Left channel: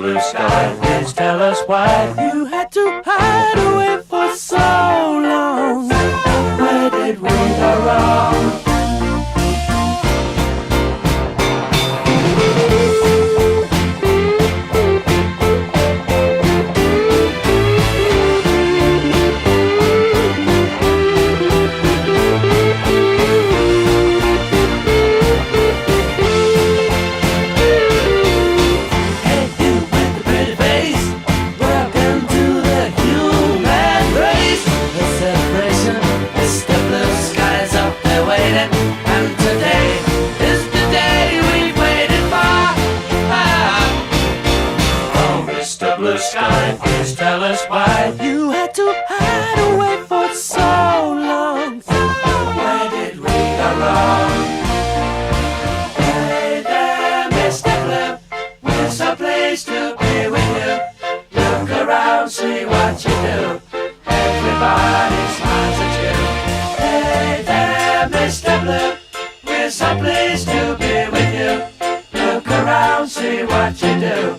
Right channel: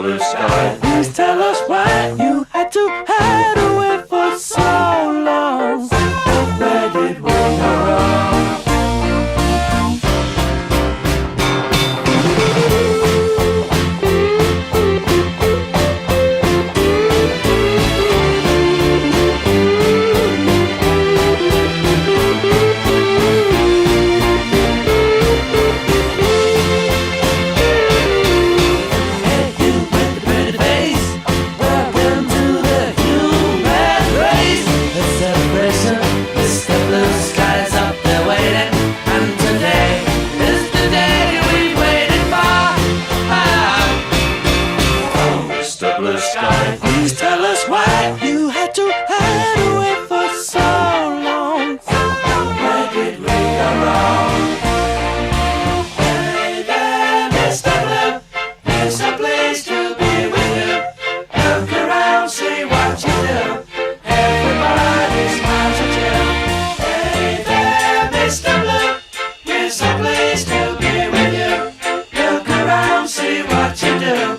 Blue Sky, please tell us why you had to hide away for so long. Where did we go wrong? Mr. Blue Sky's up there waiting, and today is the day we've waited for. Oh, Mr. Blue Sky, please tell us why you had to hide away for so long. Where did we go wrong? Hey there, Mr. Blue, it's a place to be with you. Look around, see what you do. Everybody smiles at you. Hey there, Mr. Blue, it's a place to be with you. Look around, see what you do.